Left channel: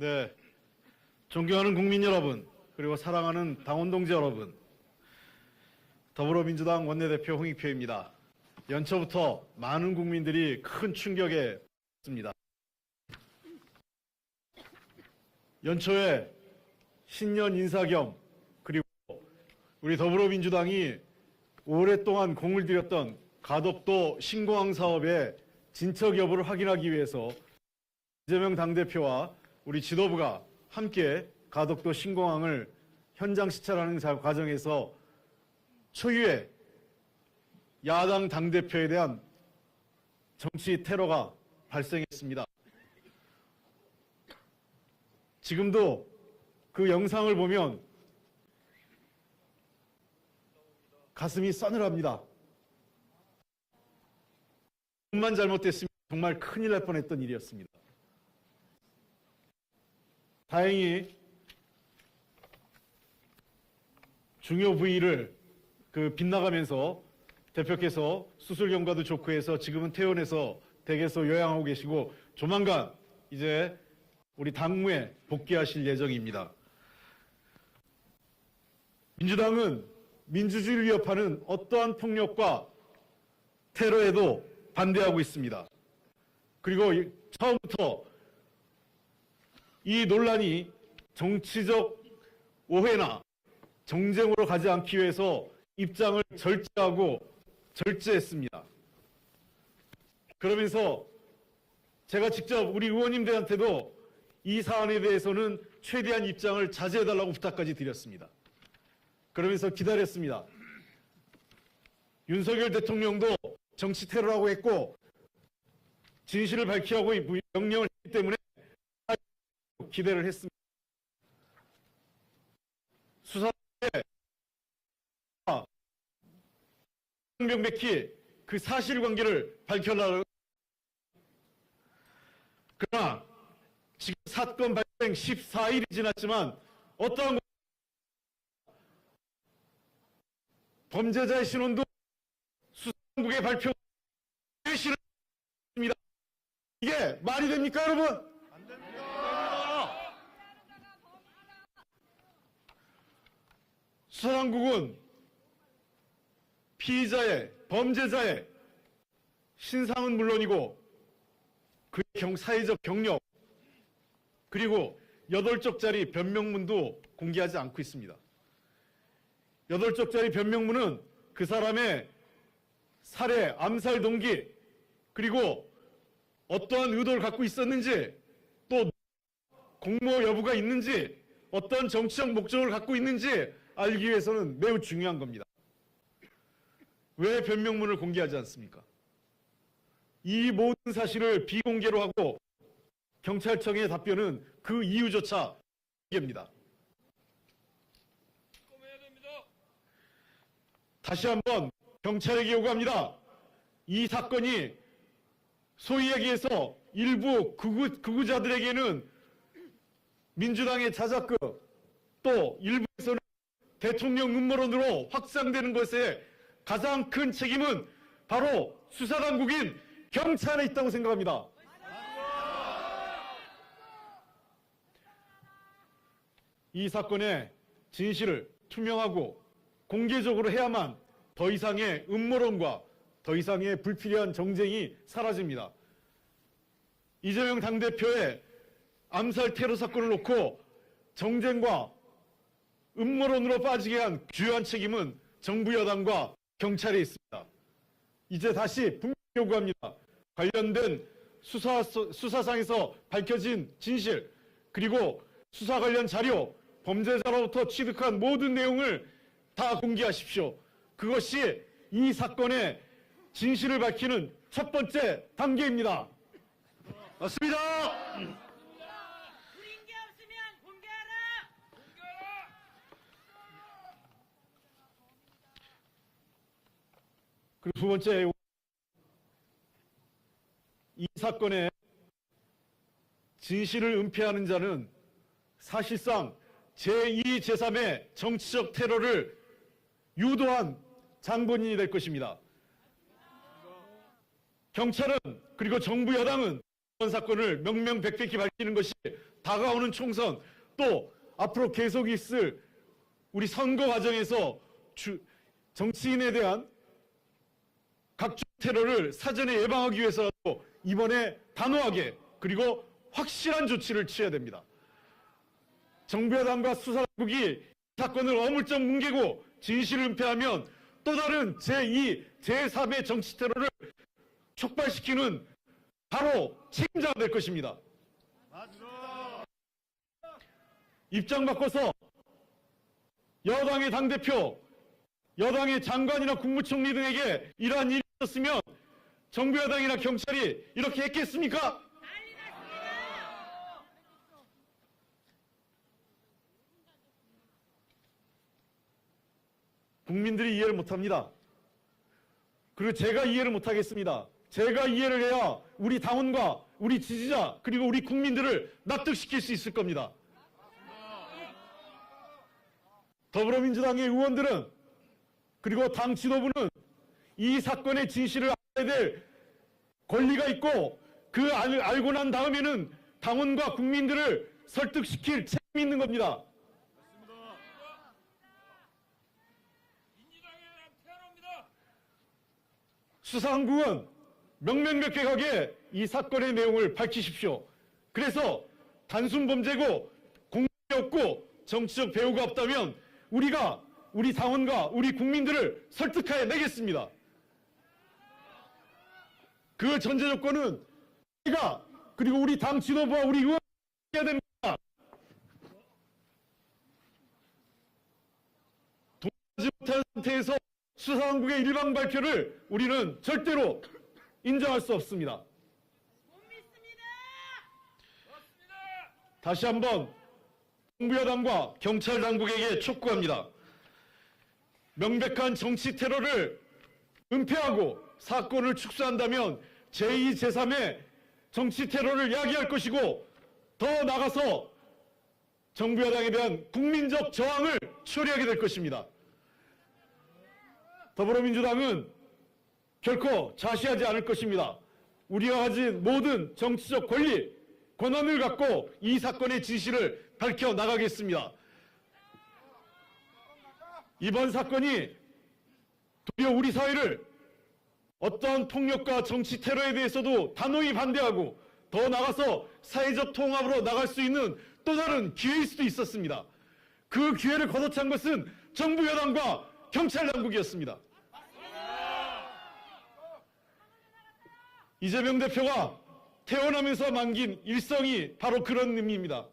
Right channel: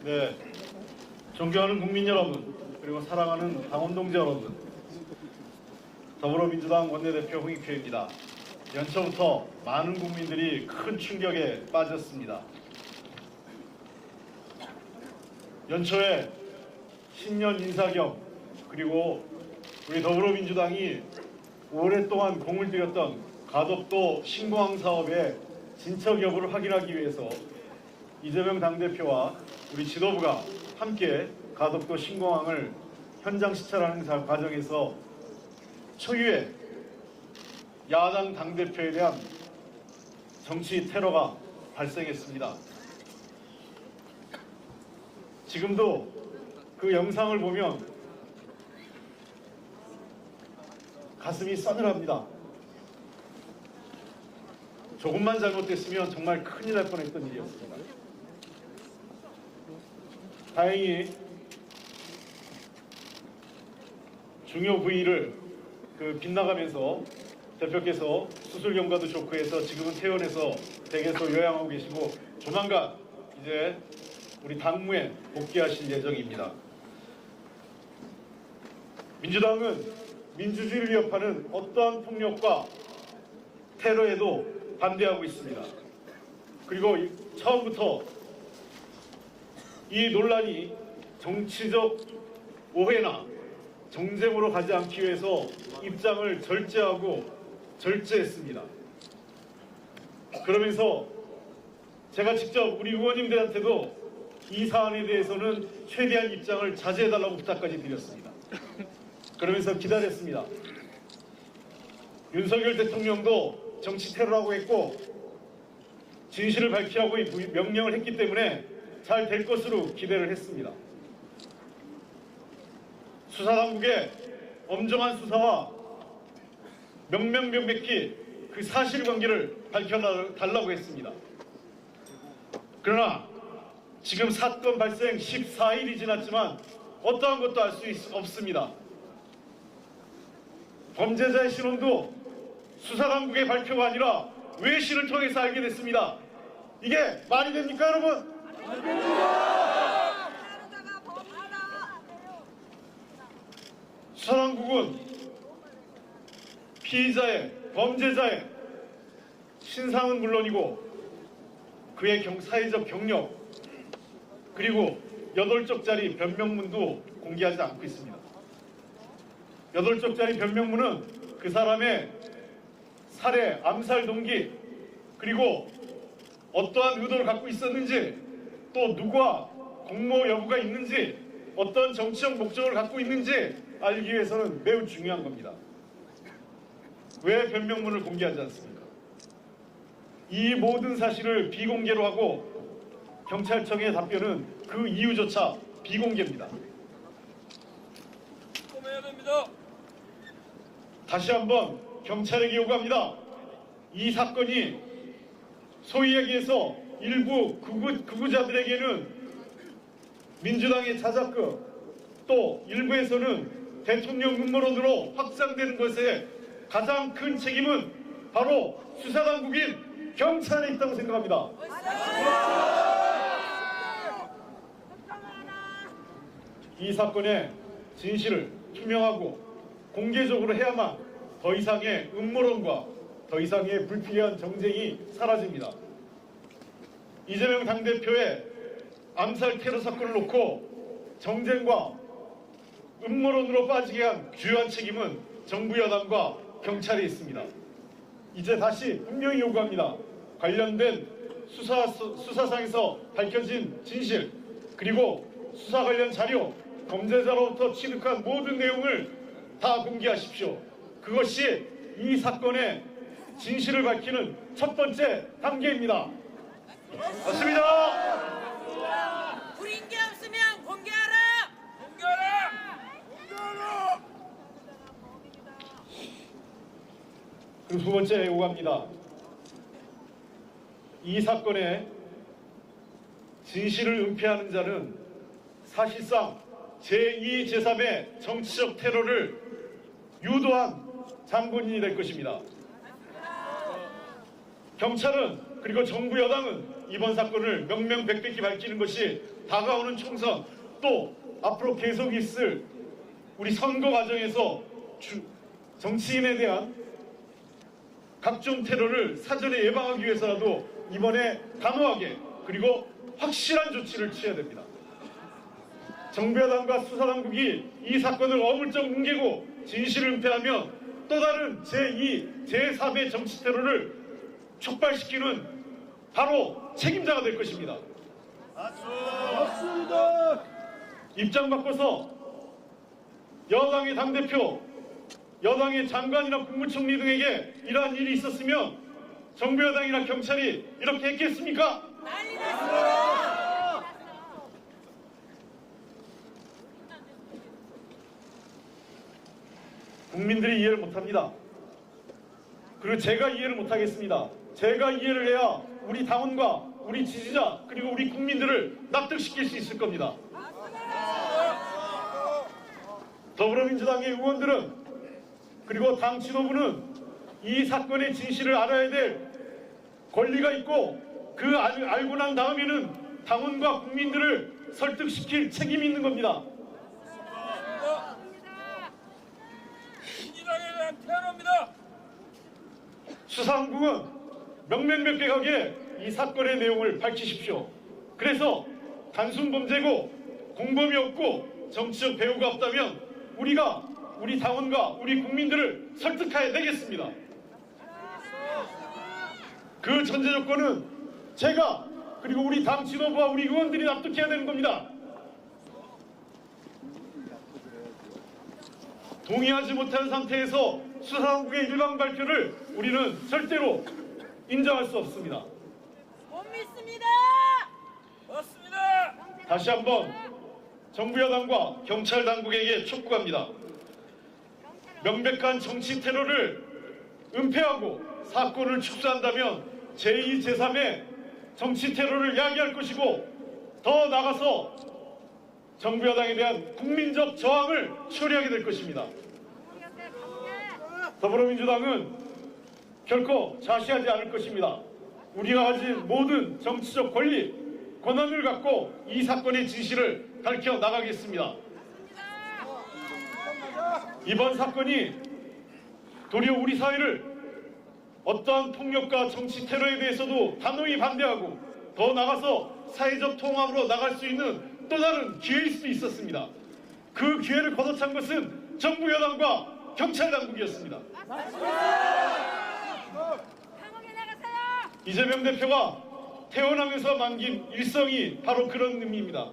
네, 존경하는 국민 여러분, 그리고 사랑하는 당원 동지 여러분, 더불어민주당 원내대표 홍익표입니다. 연초부터 많은 국민들이 큰 충격에 빠졌습니다. 연초에 신년 인사 겸 그리고 우리 더불어민주당이 오랫동안 공을 들였던 가덕도 신공항 사업의 진척 여부를 확인하기 위해서 이재명 당대표와 우리 지도부가 함께 가덕도 신공항을 현장 시찰하는 과정에서 초유의 야당 당대표에 대한 정치 테러가 발생했습니다. 지금도 그 영상을 보면 가슴이 싸늘합니다. 조금만 잘못됐으면 정말 큰일 날 뻔했던 일이었습니다. 다행히 중요 부위를 빗나가면서 대표께서 수술 경과도 좋고 해서 지금은 퇴원해서 댁에서 요양하고 계시고 조만간 이제 우리 당무에 복귀하실 예정입니다. 민주당은 민주주의를 위협하는 어떠한 폭력과 테러에도 반대하고 있습니다. 그리고 처음부터 이 논란이 정치적 오해나 정쟁으로 가지 않기 위해서 입장을 절제했습니다. 그러면서 제가 직접 우리 의원님들한테도 이 사안에 대해서는 최대한 입장을 자제해달라고 부탁까지 드렸습니다. 그러면서 기다렸습니다. 윤석열 대통령도 정치 테러라고 했고 진실을 밝히라고 명령을 했기 때문에 잘 될 것으로 기대를 했습니다. 수사당국의 엄정한 수사와 명명백백히 그 사실관계를 밝혀달라고 했습니다. 그러나 지금 사건 발생 14일이 지났지만 어떠한 것도 알 수 없습니다. 범죄자의 신원도 수사당국의 발표가 아니라 외신을 통해서 알게 됐습니다. 이게 말이 됩니까, 여러분? 수사당국은 피의자의, 범죄자의 신상은 물론이고 그의 사회적 경력 그리고 8쪽짜리 변명문도 공개하지 않고 있습니다. 8쪽짜리 변명문은 그 사람의 살해, 암살 동기 그리고 어떠한 의도를 갖고 있었는지 또 누가 공모 여부가 있는지 어떤 정치적 목적을 갖고 있는지 알기 위해서는 매우 중요한 겁니다. 왜 변명문을 공개하지 않습니까? 이 모든 사실을 비공개로 하고 경찰청의 답변은 그 이유조차 비공개입니다. 다시 한번 경찰에게 요구합니다. 이 사건이 소위 얘기해서 일부 극우자들에게는 민주당의 자작극 또 일부에서는 대통령 음모론으로 확산되는 것에 가장 큰 책임은 바로 수사당국인 경찰에 있다고 생각합니다. 이 사건의 진실을 투명하고 공개적으로 해야만 더 이상의 음모론과 더 이상의 불필요한 정쟁이 사라집니다. 이재명 당대표의 암살 테러 사건을 놓고 정쟁과 음모론으로 빠지게 한 주요한 책임은 정부 여당과 경찰에 있습니다. 이제 다시 분명히 요구합니다. 관련된 수사상에서 밝혀진 진실 그리고 수사 관련 자료 범죄자로부터 취득한 모든 내용을 다 공개하십시오. 그것이 이 사건의 진실을 밝히는 첫 번째 단계입니다. 맞습니다. 불인 게 없으면 공개하라! 공개하라! 그리고 두 번째 요구합니다. 이 사건의 진실을 은폐하는 자는 사실상 제2, 제3의 정치적 테러를 유도한 장본인이 될 것입니다. 경찰은 그리고 정부 여당은 이번 사건을 명명백백히 밝히는 것이 다가오는 총선, 또 앞으로 계속이 있을 우리 선거 과정에서 정치인에 대한 각종 테러를 사전에 예방하기 위해서라도 이번에 단호하게 그리고 확실한 조치를 취해야 됩니다. 정부 여당과 수사당국이 이 사건을 어물쩍 뭉개고 진실을 은폐하면 또 다른 제2, 제3의 정치 테러를 촉발시키는 바로 책임자가 될 것입니다. 맞습니다. 입장 바꿔서 여당의 당대표, 여당의 장관이나 국무총리 등에게 이러한 일이 있었으면 정부 여당이나 경찰이 이렇게 했겠습니까? 난리 났습니다. 국민들이 이해를 못합니다. 그리고 제가 이해를 못하겠습니다. 제가 이해를 해야 우리 당원과 우리 지지자 그리고 우리 국민들을 납득시킬 수 있을 겁니다. 더불어민주당의 의원들은 그리고 당 지도부는 이 사건의 진실을 알아야 될 권리가 있고 그 알고 난 다음에는 당원과 국민들을 설득시킬 책임이 있는 겁니다. 민주당에 대한 테러입니다. 수사당국은 명명백백하게 이 사건의 내용을 밝히십시오. 그래서 단순 범죄고 공범이 없고 정치적 배후가 없다면 우리가 우리 당원과 우리 국민들을 설득해야 되겠습니다. 그 전제 조건은 제가 그리고 우리 당 지도부와 우리 의원들이 납득해야 되는 겁니다. 동의하지 못하는 상태에서 수사당국의 일반 발표를 우리는 절대로 인정할 수 없습니다. 못 믿습니다. 맞습니다. 다시 한번 정부 여당과 경찰 당국에게 촉구합니다. 명백한 정치 테러를 은폐하고 사건을 축소한다면 제2, 제3의 정치 테러를 야기할 것이고 더 나아가서 정부 여당에 대한 국민적 저항을 처리하게 될 것입니다. 더불어민주당은 결코 자시하지 않을 것입니다. 우리가 가진 모든 정치적 권리, 권한을 갖고 이 사건의 진실을 밝혀나가겠습니다. 이번 사건이 도리어 우리 사회를 어떠한 폭력과 정치 테러에 대해서도 단호히 반대하고 더 나아가서 사회적 통합으로 나갈 수 있는 또 다른 기회일 수도 있었습니다. 그 기회를 걷어찬 것은 정부 여당과 경찰 당국이었습니다. 이재명 대표가 태어나면서 남긴 일성이 바로 그런 의미입니다.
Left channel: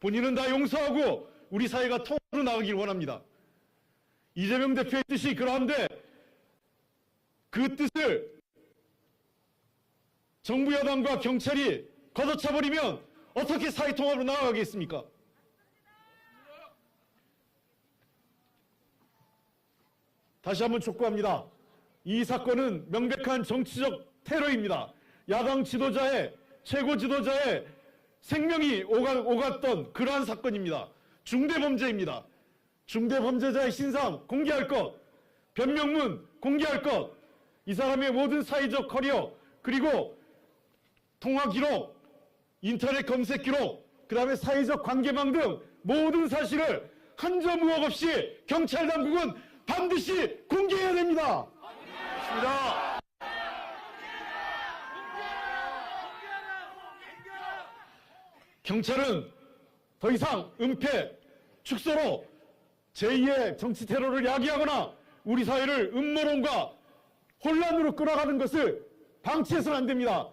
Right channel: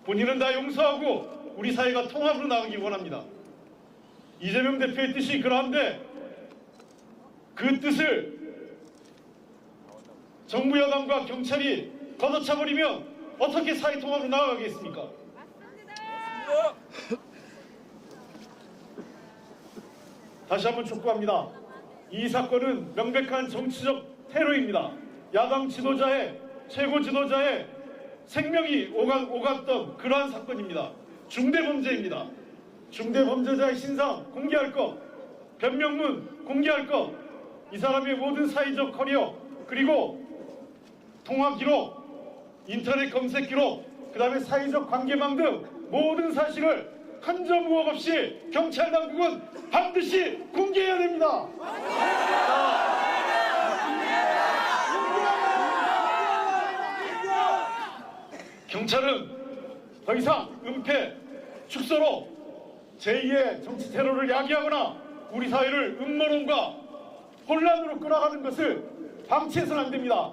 본인은 다 용서하고 우리 사회가 통합으로 나가기 원합니다. 이재명 대표의 뜻이 그러한데 그 뜻을 정부 여당과 경찰이 걷어차버리면 어떻게 사회 통합으로 나아가겠습니까? 다시 한번 촉구합니다. 이 사건은 명백한 정치적 테러입니다. 야당 지도자의 최고 지도자의 생명이 오갔던 그러한 사건입니다. 중대범죄입니다. 중대범죄자의 신상 공개할 것, 변명문 공개할 것, 이 사람의 모든 사회적 커리어 그리고 통화 기록, 인터넷 검색 기록, 그 다음에 사회적 관계망 등 모든 사실을 한 점 부업 없이 경찰 당국은 반드시 공개해야 됩니다. 경찰은 더 이상 은폐, 축소로 제2의 정치 테러를 야기하거나 우리 사회를 음모론과 혼란으로 끌어가는 것을 방치해서는 안 됩니다.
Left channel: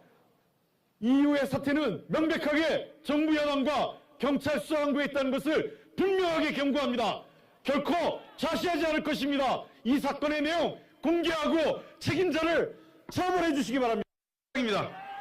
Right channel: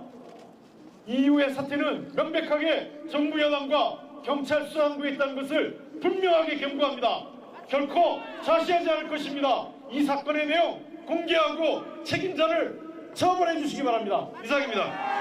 이후의 사태는 명백하게 정부 여당과 경찰 수사당국에 있다는 것을 분명하게 경고합니다. 결코 자시하지 않을 것입니다. 이 사건의 내용 공개하고 책임자를 처벌해 주시기 바랍니다. 이상입니다.